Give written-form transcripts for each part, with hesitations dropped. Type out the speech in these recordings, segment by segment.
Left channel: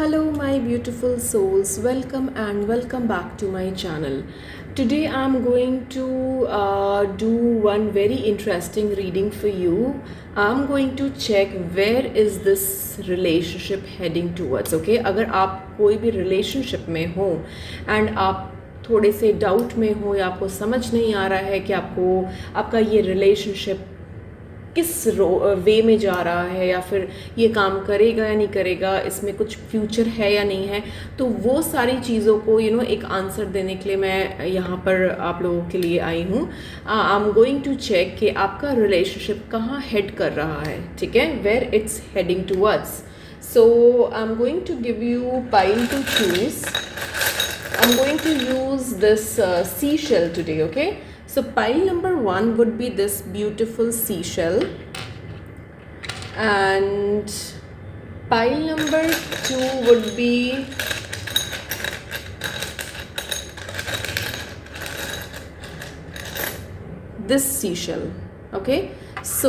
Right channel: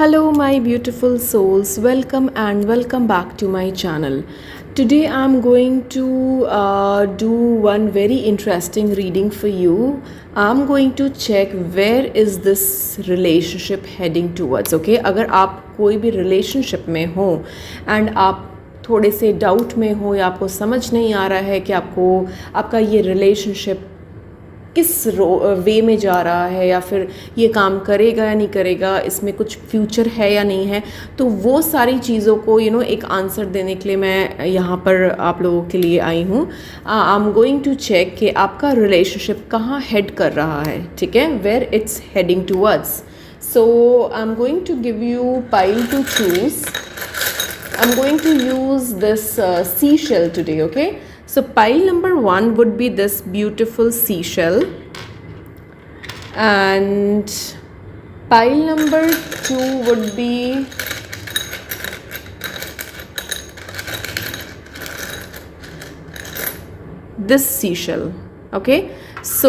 Hello, my beautiful souls. Welcome and welcome back to my channel. Today, I'm going to do one very interesting reading for you. I'm going to check where is this relationship heading towards. Okay, अगर आप कोई भी relationship में हो and आप थोड़े से doubt में हो या आपको समझ नहीं आ रहा है कि आपका ये रिलेशनशिप किस वे में जा रहा है या फिर ये काम करेगा या नहीं करेगा, इसमें कुछ फ्यूचर है या नहीं है, तो वो सारी चीज़ों को एक आंसर देने के लिए मैं यहाँ पर आप लोगों के लिए आई हूँ. I am going to check कि आपका रिलेशनशिप कहाँ हेड कर रहा है. ठीक है, where it's heading towards. So I am going to give you pile to choose. I'm going to use this seashell today, okay? So pile number 1 would be this beautiful seashell, and pile number 2 would be this seashell, okay? So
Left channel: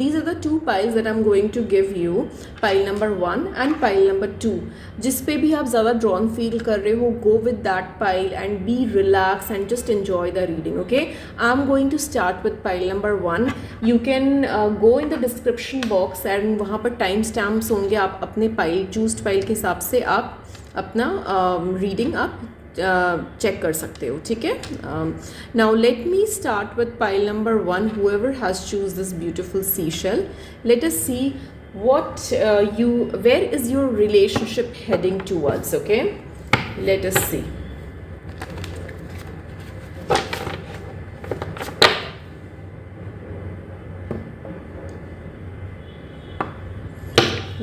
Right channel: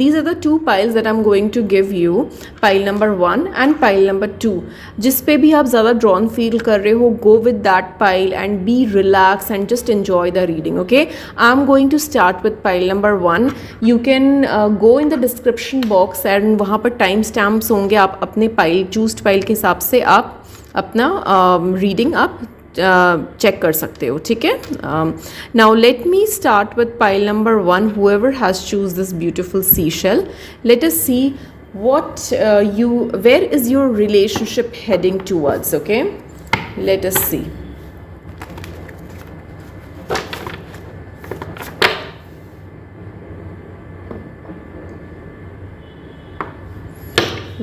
these are the two piles that I'm going to give you, pile number 1 and pile number 2. जिस पे भी आप ज़्यादा drawn feel कर रहे हो, go with that pile and be relaxed and just enjoy the reading, okay? I'm going to start with pile number 1. You can go in the description box and वहाँ पर time stamps होंगे. आप अपने choosed pile के हिसाब से आप अपना reading आप चेक कर सकते हो. ठीक है, now let me start with pile number 1. whoever has choose this beautiful seashell, let us see where is your relationship heading towards. Okay, let us see.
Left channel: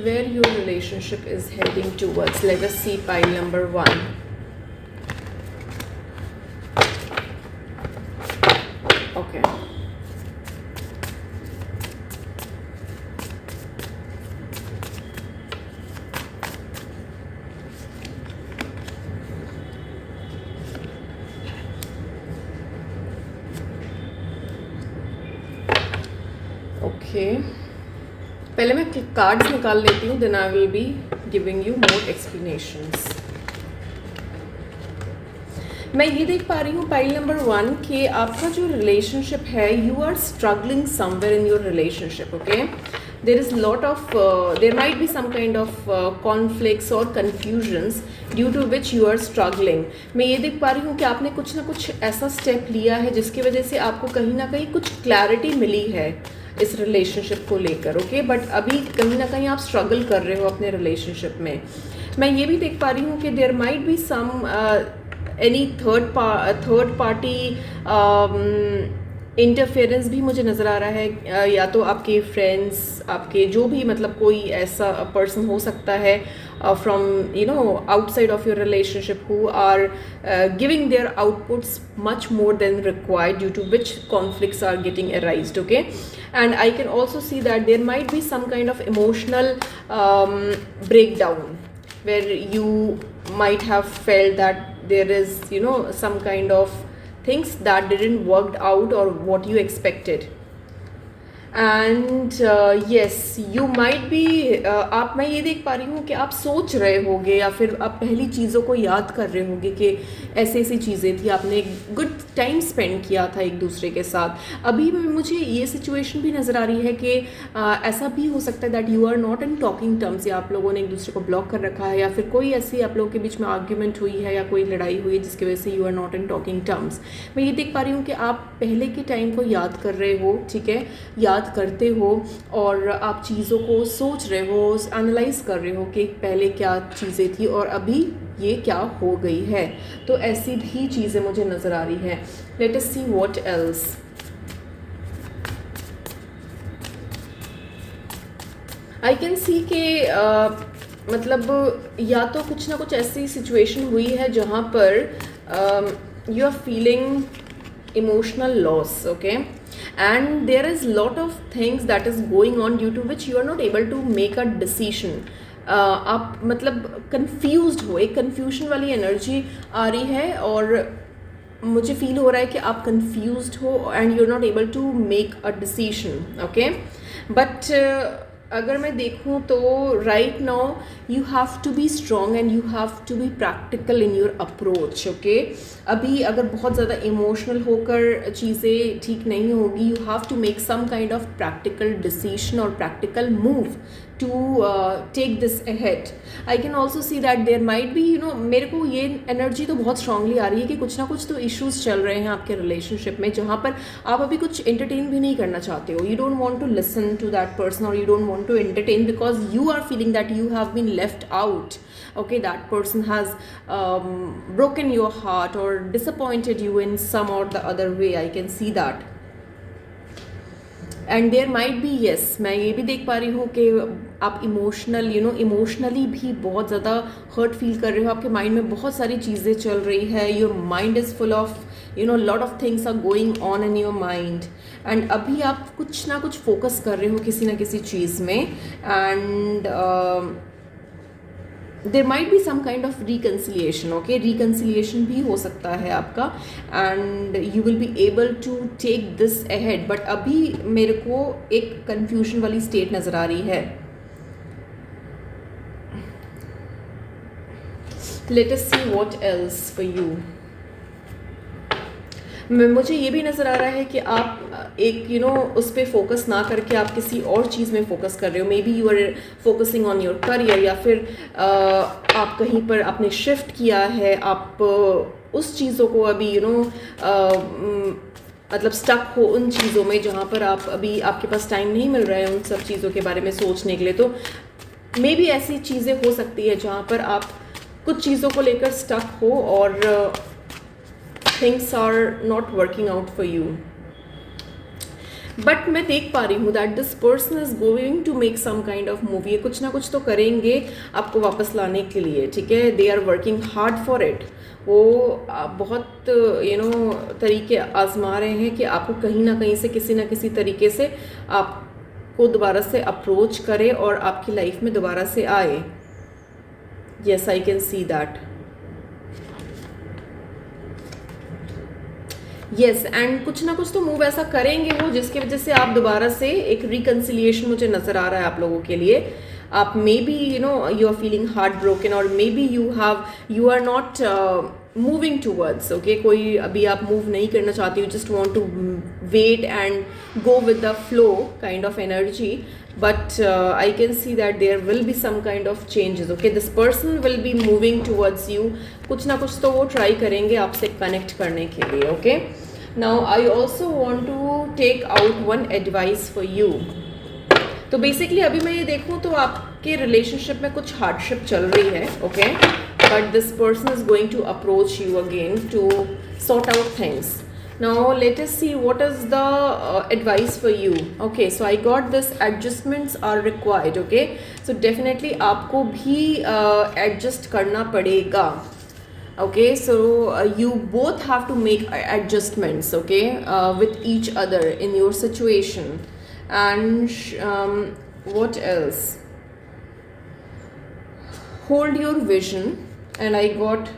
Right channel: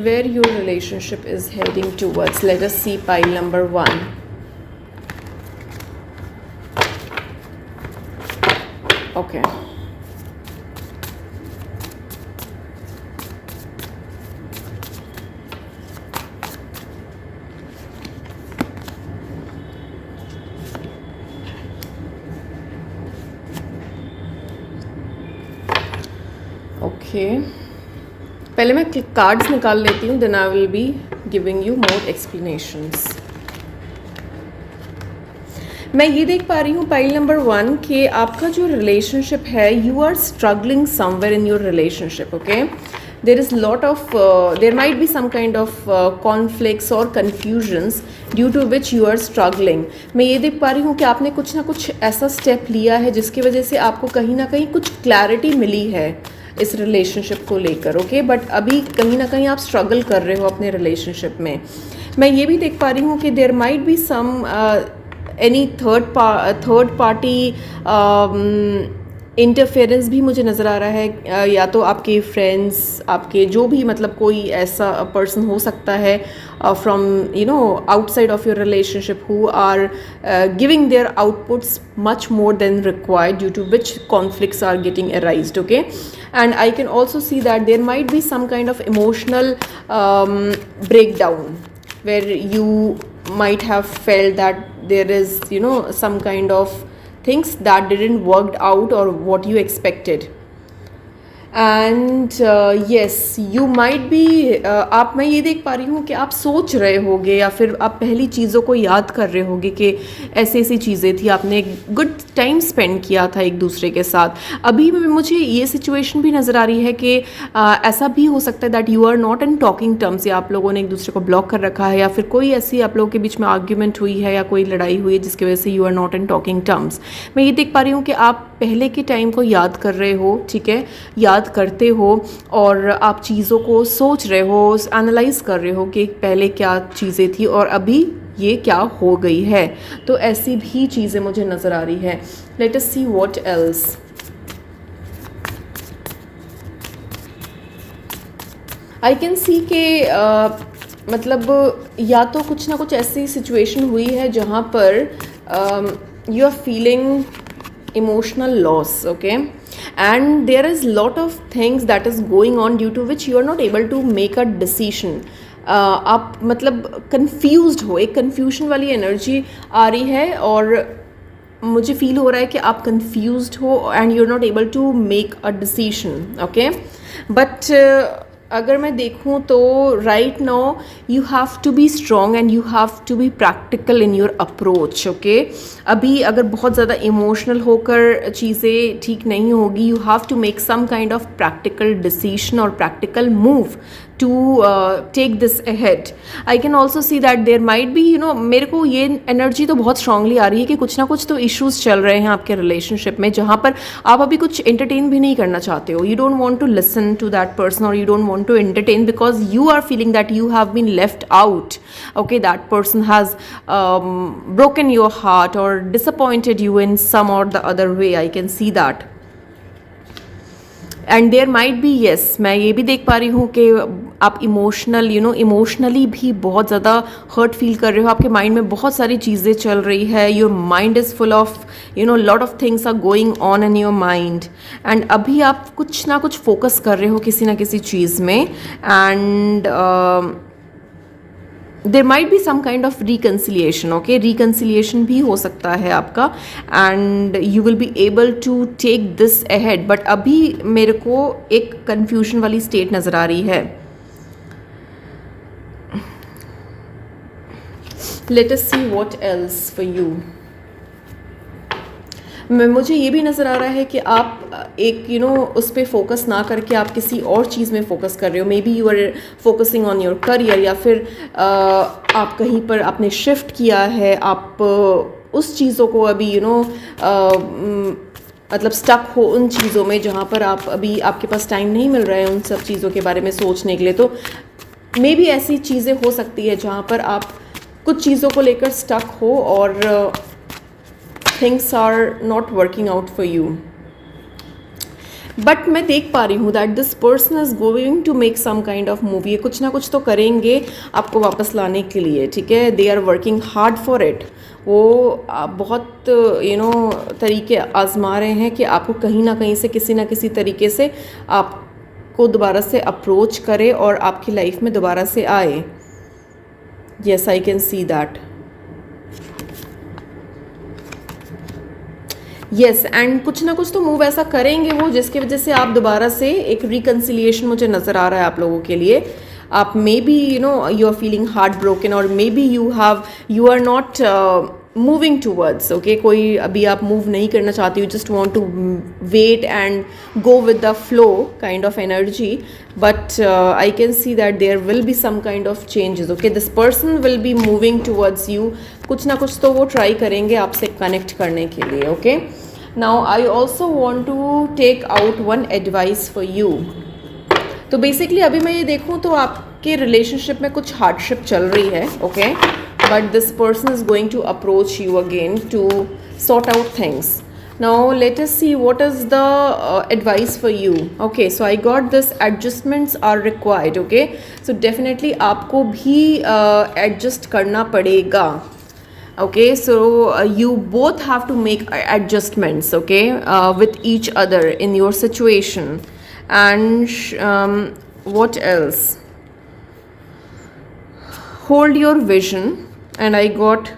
Where your relationship is heading towards. Let us see pile number 1. Okay. Okay. पहले मैं cards निकाल लेती हूँ, then I will be giving you more explanations. मैं ये देख पा रही हूँ पाइल नंबर 1 कि आपका जो रिलेशनशिप है, you are struggling somewhere in your relationship. Okay, there might be some kind of conflicts or confusions due to which you are struggling. मैं ये देख पा रही हूँ कि आपने कुछ ना कुछ ऐसा स्टेप लिया है जिसकी वजह से आपको कहीं ना कहीं कुछ क्लैरिटी मिली है इस रिलेशनशिप को लेकर. ओके, बट अभी कहीं ना कहीं आप स्ट्रगल कर रहे हो अपने रिलेशनशिप में. मैं ये भी देख पा रही हूँ कि there might be some any third party interference भी मुझे नज़र आ रहा है, या तो आपके फ्रेंड्स, आपके जो भी मतलब कोई ऐसा पर्सन हो सकता है from outside of your relationship who are giving their outputs much more than required, due to which conflicts are getting arised. Okay, and I can also see that there might be some kind of emotional breakdown where you might have felt that there is some kind of things that didn't work out or what you expected. And yes, you might be मैं ये देख पा रही हूँ कि आप सोच रहे होगे या फिर आप पहली चीज़ों को याद कर रहे होगे कि ऐसी ऐसी चीज़ें थी, आपने एक गुड टाइम स्पेंड किया था एक दूसरे के साथ. अभी मुझे ये सिचुएशन भी नज़र आ रही है कि ऐसा भी हो सकता है that you are not in talking terms, या आप लोगों ने एक दूसरे को ब्लॉक कर रखा है, या फिर कोई ऐसी आप लोगों के बीच में आर्ग्यूमेंट हुई है या कोई लड़ाई हुई है जिसकी वजह से you are not in talking terms. मैं ये देख पा रही हूँ कि आप पहले के टाइम को याद कर रहे हो. ठीक है, याद करते हो और आप चीज़ों को सोच रहे हो, एनालाइज कर रहे हो कि पहले क्या चीज़ें थी और अभी ये क्या हो गई है. तो ऐसी भी चीज़ें मुझे नज़र आ रही है. Let us see what else. I can सी के मतलब या तो कुछ ना कुछ ऐसी सिचुएशन हुई है जहाँ पर you are feeling emotional loss. Okay, and there is lot of things that is going on due to which you are not able to make a decision. आप मतलब confused हो, एक confusion वाली energy आ रही है और मुझे फील हो रहा है कि आप confused हो and you're not able to make a decision. Okay, but अगर मैं देखूं तो right now you have to be strong and you have to be practical in your approach, okay. अभी अगर बहुत ज़्यादा इमोशनल होकर चीज़ें ठीक नहीं होगी, you have to make some kind of practical decision और practical move to take this ahead. I can also see that there might be, you know, मेरे को ये एनर्जी तो बहुत स्ट्रांगली आ रही है कि कुछ ना कुछ तो इश्यूज चल रहे हैं आपके रिलेशनशिप में, जहाँ पर आप अभी कुछ एंटरटेन भी नहीं करना चाहते हो. You don't want to listen to that person और you don't want to entertain because you are feeling that you have been left out. Okay, that person has broken your heart or disappointed you in some or the other way. I can see that. And there might be, yes, मैं ये भी देख पा रही हूँ कि आप emotionally भी बहुत ज़्यादा हर्ट फील कर रहे हो. आपके माइंड में बहुत सारी चीज़ें चल रही है. Your mind is full of lot of things are going on in your mind. And अभी आप कुछ ना कुछ फोकस कर रहे हो किसी ना किसी चीज़ में. And there might be some kind of reconciliation. Okay, reconciliation भी हो सकता है आपका and you will be able to take this ahead. But अभी मेरे को एक कन्फ्यूजन वाली स्टेट नज़र आ रही है. Let us see what else for you. मुझे ये भी नज़र आ रहा है कि आप एक उस पर फोकस ना करके आप किसी और चीज़ में फोकस कर रहे हो. Maybe you are focusing on your career, या फिर आप कहीं पर आपने शिफ्ट किया है. आप उस चीज़ों को अभी मतलब स्टक हो उन चीज़ों में जहाँ पर आप अभी आपके पास टाइम नहीं मिल रहा है उन सब चीज़ों के बारे में सोचने के लिए. तो मे बी ऐसी चीज़ें हो सकती है जहाँ पर आप कुछ चीज़ों को लेकर स्टक हो और things are not working out for you. But मैं देख पा रही हूँ that this person is going to make some kind of movie. ये कुछ ना कुछ तो करेंगे आपको वापस लाने के लिए, ठीक है. They are working hard for it. वो बहुत तरीके आजमा रहे हैं कि आपको कहीं ना कहीं से किसी ना किसी तरीके से आपको दोबारा से अप्रोच करे और आपकी लाइफ में दोबारा से आए. Yes, I can see that. Yes, and कुछ ना कुछ तो मूव ऐसा करेंगे वो जिसकी वजह से आप दोबारा से एक रिकन्सिलिएशन मुझे नज़र आ रहा है आप लोगों के लिए. आप maybe you are feeling heartbroken और maybe you are not moving towards. Okay, कोई अभी आप मूव नहीं करना चाहती. You just want to wait and go with the flow kind of energy. But I can see that there will be some kind of changes. Okay, this person will be moving towards you. कुछ ना कुछ तो वो try करेंगे आपसे connect करने के लिए. Okay, now I also want to take out one advice for you. तो बेसिकली अभी मैं ये देखूँ तो आपके रिलेशनशिप में कुछ हार्डशिप चल रही है. Okay, but this person is going to approach you again to sort out things. Now let us see what is the advice for you. Okay, so I got this, adjustments are required. Okay, so definitely आपको भी adjust करना पड़ेगा. Okay, so you both have to make adjustments, okay, with each other in your situation. And what else? Hold your vision. And I got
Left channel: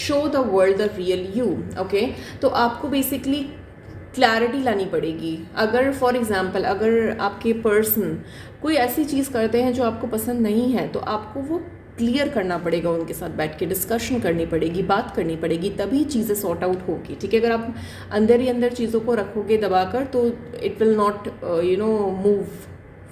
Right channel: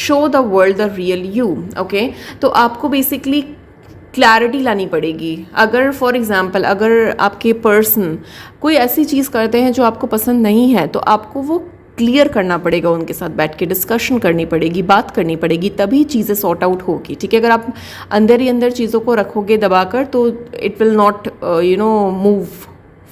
show the world the real you. Okay, तो आपको basically clarity लानी पड़ेगी. अगर for example अगर आपके person कोई ऐसी चीज़ करते हैं जो आपको पसंद नहीं है, तो आपको वो क्लियर करना पड़ेगा. उनके साथ बैठ के डिस्कशन करनी पड़ेगी, बात करनी पड़ेगी, तभी चीज़ें सॉर्ट आउट होगी. ठीक है, अगर आप अंदर ही अंदर चीज़ों को रखोगे दबाकर तो it will not move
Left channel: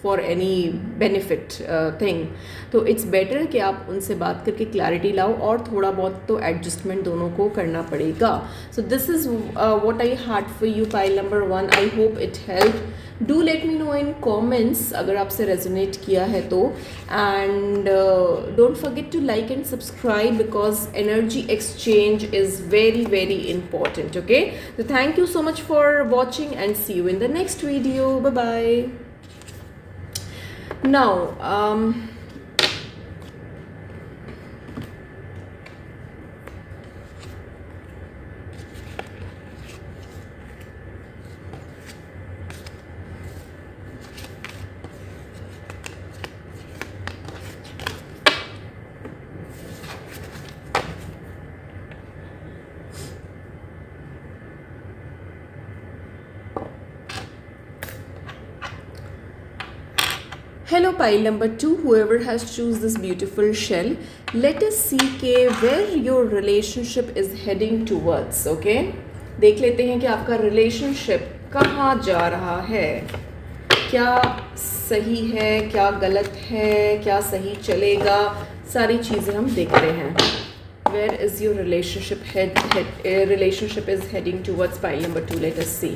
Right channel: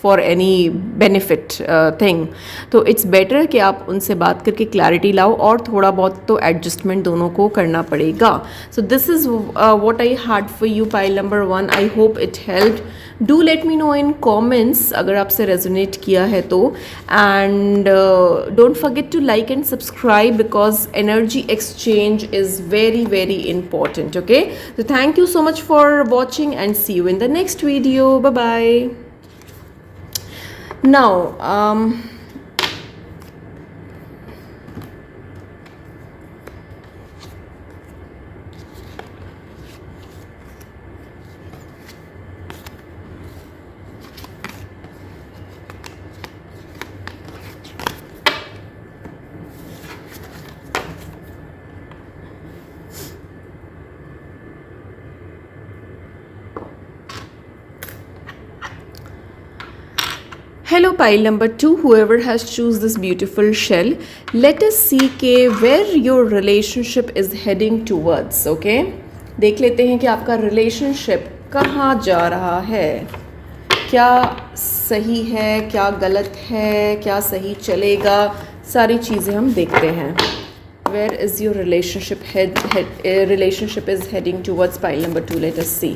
for any benefit thing. तो इट्स बेटर कि आप उनसे बात करके क्लैरिटी लाओ और थोड़ा बहुत तो एडजस्टमेंट दोनों को करना पड़ेगा. So this is what I had for you pile number 1. I hope it help. Do let me know in comments अगर आपसे रेजोनेट किया है तो. And don't forget to like and subscribe because energy exchange is very very important. Okay, तो thank you so much for watching and see you in the next video. Bye bye. Now, Hello, pile number 2, whoever has choose this beautiful shell. Let us see where your relationship is heading towards, okay? देख लेते हैं कि आपका relationship कहाँ जा रहा है, क्या सही है, क्या गलत है, क्या सही चलेगा, सारी चीज़ें हम देखते हैं. Where is your relationship is heading towards, pile number 2. Let us see.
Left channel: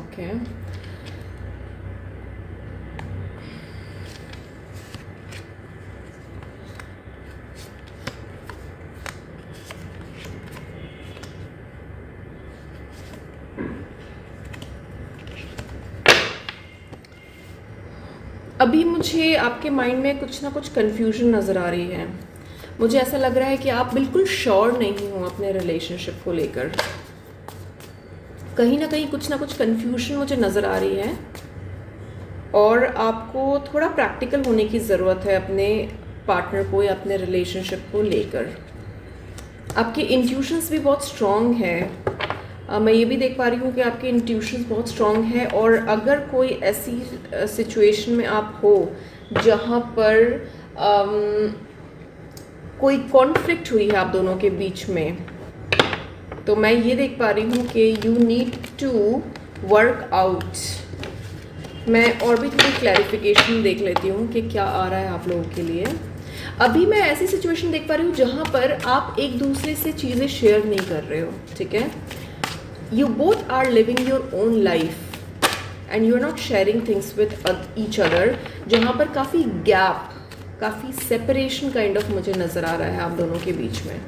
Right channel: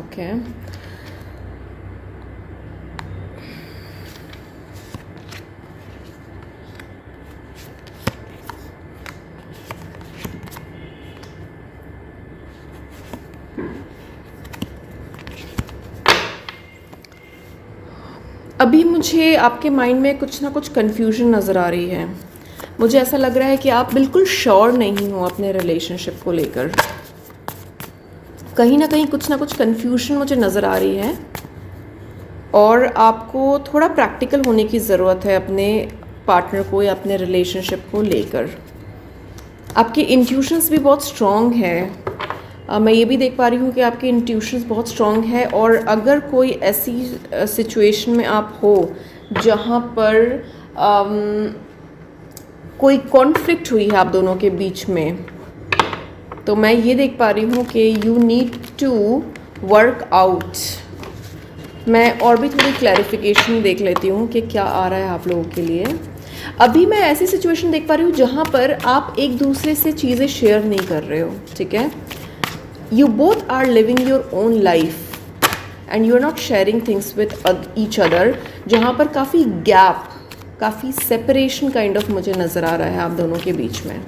Okay. अभी मुझे आपके माइंड में कुछ ना कुछ कन्फ्यूजन नज़र आ रही है. मुझे ऐसा लग रहा है कि आप बिल्कुल श्योर नहीं हो अपने रिलेशनशिप को लेकर. कहीं ना कहीं कुछ ना कुछ कन्फ्यूजन मुझे नज़र आ रही है और आपको थोड़ा प्रैक्टिकल होने की ज़रूरत है अपने पार्टनर को या अपने रिलेशनशिप को लेकर. आपकी इंट्यूशंस भी बहुत स्ट्रॉन्ग है. मैं ये भी देख पा रही हूँ कि आपके इंट्यूशंस बहुत स्ट्रॉन्ग है और अगर कोई ऐसी सिचुएशन में आप हो जहाँ पर कोई कॉन्फ्लिक्ट हुई है आप दोनों के बीच में, तो मैं ये देख पा रही हूँ कि you need to work out. मैं और भी थोड़ी क्लैरिफिकेशन देख लेती हूँ कि क्या आ रहा है आप लोगों के लिए. अभी मैं ऐसी सिचुएशन देख पा रही हूँ जहाँ पर आप एक दूसरे से चीज़ें शेयर नहीं कर रहे हो. ठीक है, you both are living your own life and you are not sharing things with each other, जहाँ पर काफ़ी गैप, काफ़ी सेपरेशन काइंड ऑफ मुझे नज़र आ रहा है आप दोनों के बीच में.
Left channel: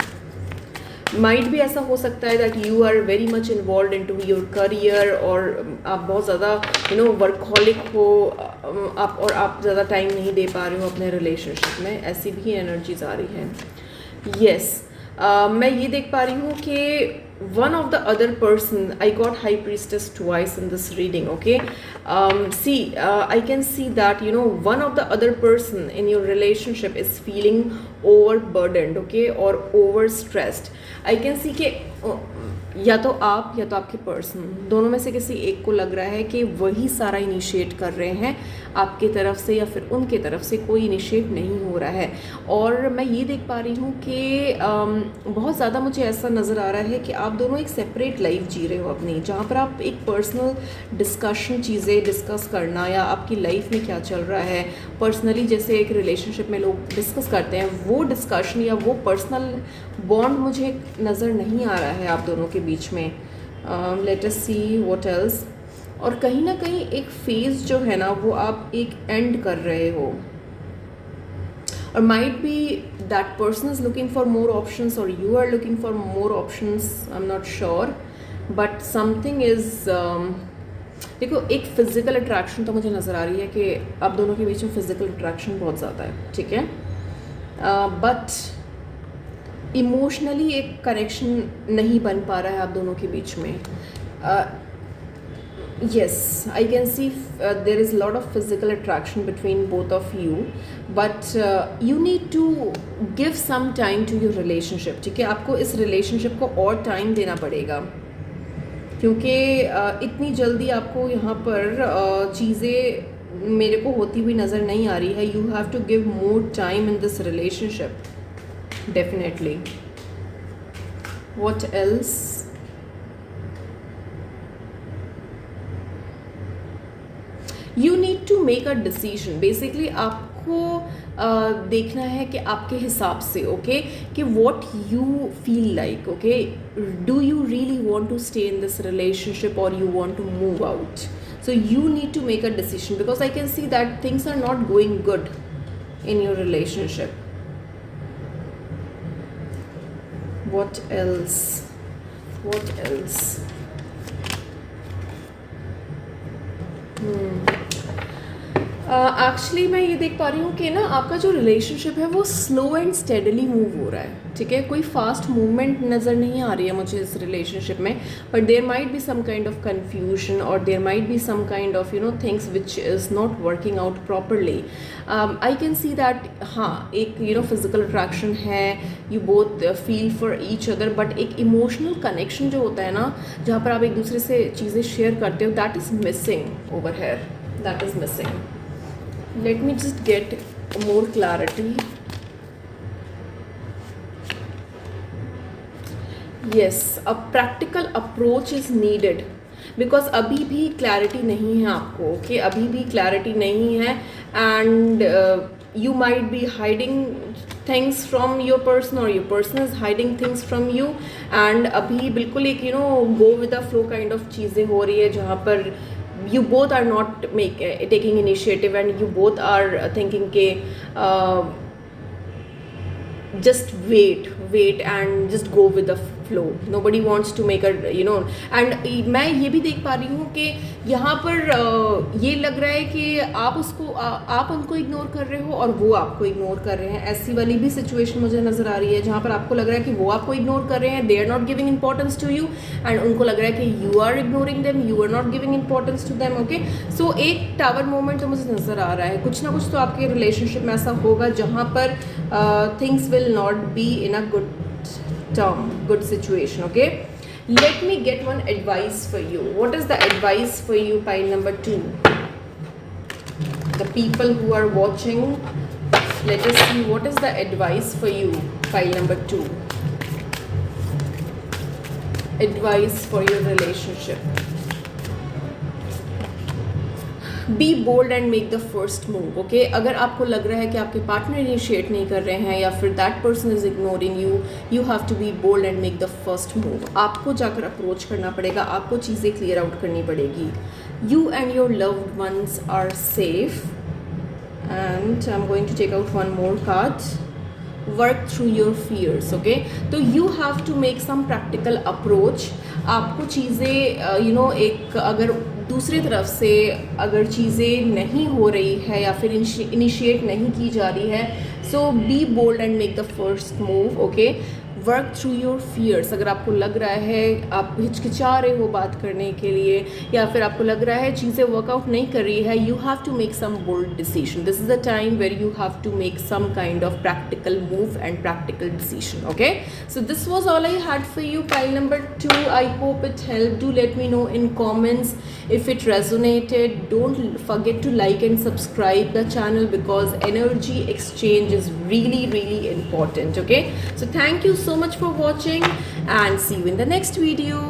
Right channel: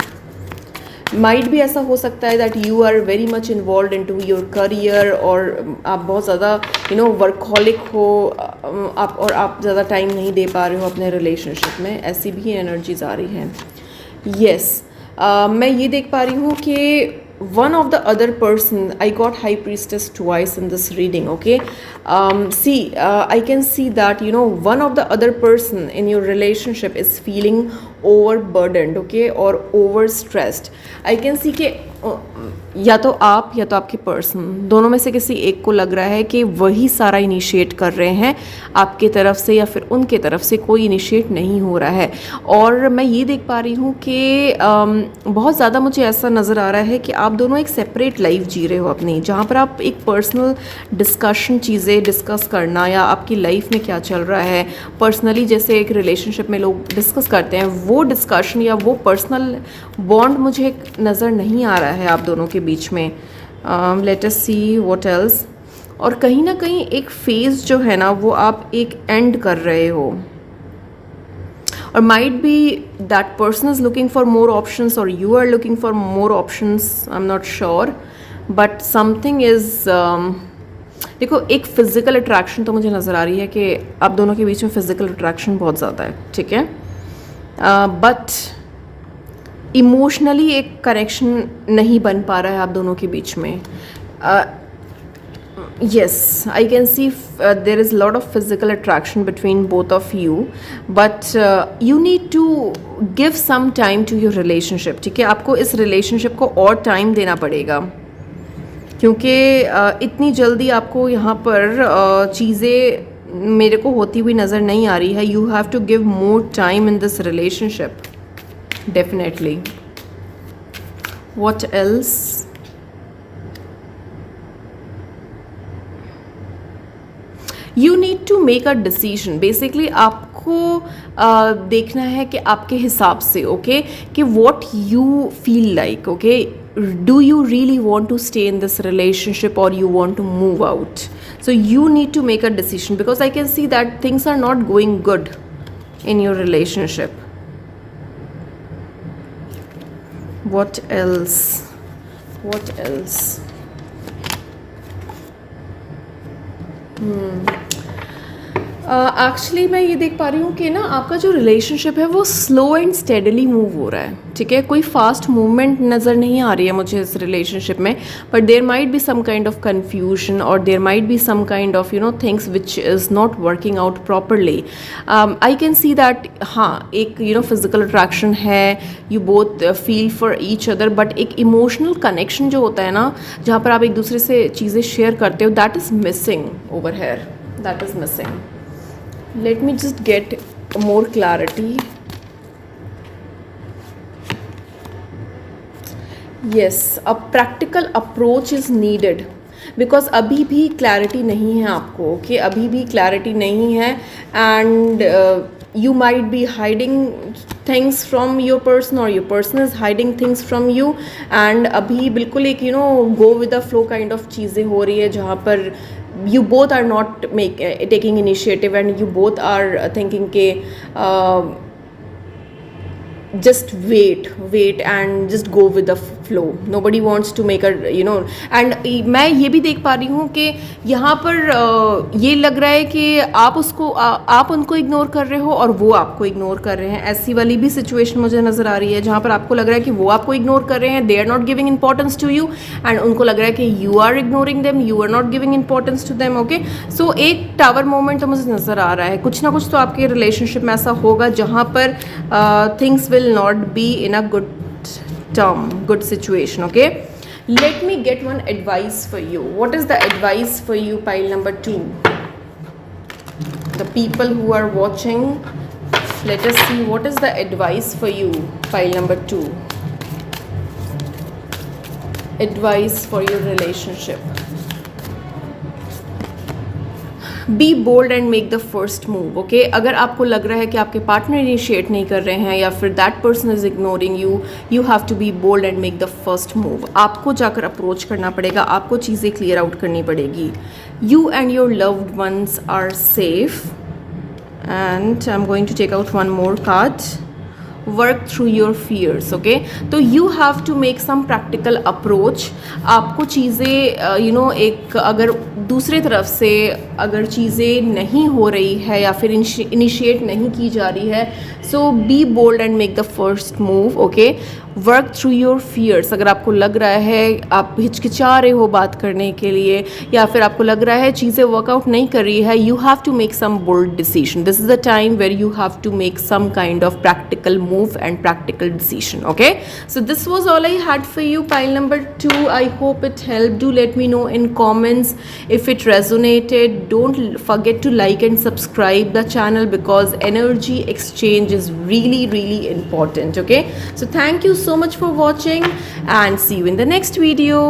माइट भी ऐसा हो सकता है that you are very much involve in to your career और आप बहुत ज़्यादा वर्कहॉलिक हो आप और आप ज़्यादा टाइम नहीं दे पा रहे हो अपने रिलेशनशिप में. ऐसी भी एनर्जीज आ रही हैं. यस, मैं ये देख पा रही हूँ कि one of the other person, I got high priestess twice in this reading. Okay, I can see that one of the other person in your relationship is feeling overburdened, okay, or overstressed. I can see कि या तो आप या तो आपके person, दोनों में से किसी एक को लग रहा है कि वही सारा इनिशिएट कर रहे हैं आपके तरफ से या फिर उनके तरफ से कोई इनिशिएट नहीं हो रहा है. और मैं ये देख पा रही हूँ कि बहुत ज़्यादा मुझे ऐसा नज़र आ रहा है कि आप दोनों एक सेपरेट लाइफ जी रहे हो अपनी, जहाँ पर आप एक पर्सनल डिस्कशन, चीज़ें डिस्कस करना या आपकी लाइफ में क्या चल रहा है पर्सनली, जैसे एक रिलेशनशिप में लोग डिस्कस करते हैं, वो डिस्कशन या वो पर्सनल बॉन्ड मुझे नज़र नहीं आ रहा है आप दोनों के बीच में. Let us see what else. और कहीं ना कहीं एक फेज़ जो है ना वो आप एक एंड कर रहे हो, और might be that person is looking for more options or you are looking for more options. I'm not sure, but something is देखो, एक फिजिकल अट्रैक्शन तो मुझे नज़र आ रही है कि आप दोनों के बीच में फिजिकल अट्रैक्शन बहुत ज़्यादा है. ठीक है, बट इमोशनली एक कनेक्शन नहीं बन पा रहा है आप दोनों के बीच में. Yes, I can see there is a lot of physical attraction between both of you, but you need to give some time to your relationship. ठीक है, आपको इस relationship को और time देना पड़ेगा, क्योंकि इतनी जल्दी आपको यहाँ पर चीज़ें मेरे को होती हुई नज़र नहीं आ रही है. You have to give more time in this relationship, definitely. What else? You need to make a decision. Basically आपको देखना है कि आपके हिसाब से, ओके, कि what you feel like. Okay, do you really want to stay in this relationship और you want to move out. So you need to make a decision because I can see that things are not going good in your relationship. What else, what else. Actually मैं ये देख पा रही हूँ कि ना आपका जो रिलेशनशिप है वो स्लो एंड स्टेडली मूव हो रहा है, ठीक है। कोई फास्ट मूवमेंट नज़र नहीं आ रही है मुझे इस रिलेशनशिप में, but there might be some kind of confusion और there might be some kind of things which is not working out properly. I can see that हाँ, एक फिजिकल अट्रैक्शन है, you both feel for each other, but एक emotional connection जो होता है ना, जहाँ पर आप एक दूसरे से चीज़ें शेयर करते हो, that is missing over here, that is missing. Let me just get more clarity. Yes, a practical approach is needed because अभी भी clarity नहीं है आपको, okay? अभी भी clarity नहीं है and you might be hiding things from your person or your person is hiding things from you and अभी बिल्कुल एक go with the flow kind of चीज़ें हो रही है जहाँ पर you both are not taking initiative and you both are thinking ke just wait and just go with the flow. Nobody wants to make a and मैं ये भी देख पा रही हूँ कि यहाँ पर ये लग रहा है कि आप उनको इग्नोर कर रहे हो और वो आपको इग्नोर कर रहे हैं। ऐसी वाली भी सिचुएशन मुझे नज़र आ रही है जहाँ पर आपको लग रहा है कि वो आपको इग्नोर कर रहे हैं, they are not giving importance to you, and उनको लग रहा है कि you are ignoring them, you are not giving importance to them, okay. So एक टावर मोमेंट तो मुझे नज़र आ रहा है, कुछ ना कुछ तो आपके रिलेशनशिप में ऐसा होगा जहाँ पर things will not be in a good situation, okay. Let me get one advice for you. What is the advice for you, pile number 2? The people who are watching, let us see what is the advice for you, pile number 2. Advice for your relationship. Be bold and make the first move, okay. अगर आपको लग रहा है कि आपके partner initiate नहीं कर रहे हैं या फिर that person is ignoring you, you have to be bold and make the first move. आपको जाकर अप्रोच करना पड़ेगा, आपको चीज़ें क्लियर आउट करनी पड़ेगी। You and your loved ones are safe and I am going to take out one more card, work through your fears, okay. तो you have to make some practical approach. आपको चीज़ें एक अगर दूसरे तरफ से अगर चीज़ें नहीं हो रही है या फिर इनिशिएट नहीं की जा रही है, so be bold and make the first move, okay. Work through your fears. अगर आपको लग रहा है आप हिचकिचा रहे हो बात करने के लिए या फिर आपको लग रहा है चीज़ें वर्कआउट नहीं कर रही है, you have to make some bold decision. This is the time where you have to make some kind of practical move and practical decision, okay. So this was all I had for you, pile number 2. I hope it help. Do let me know in comments if it resonated. Don't forget to like and subscribe the channel because energy exchange is really important, okay. So thank you so much for watching and see you in the next video.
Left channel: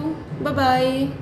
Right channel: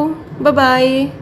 Bye bye.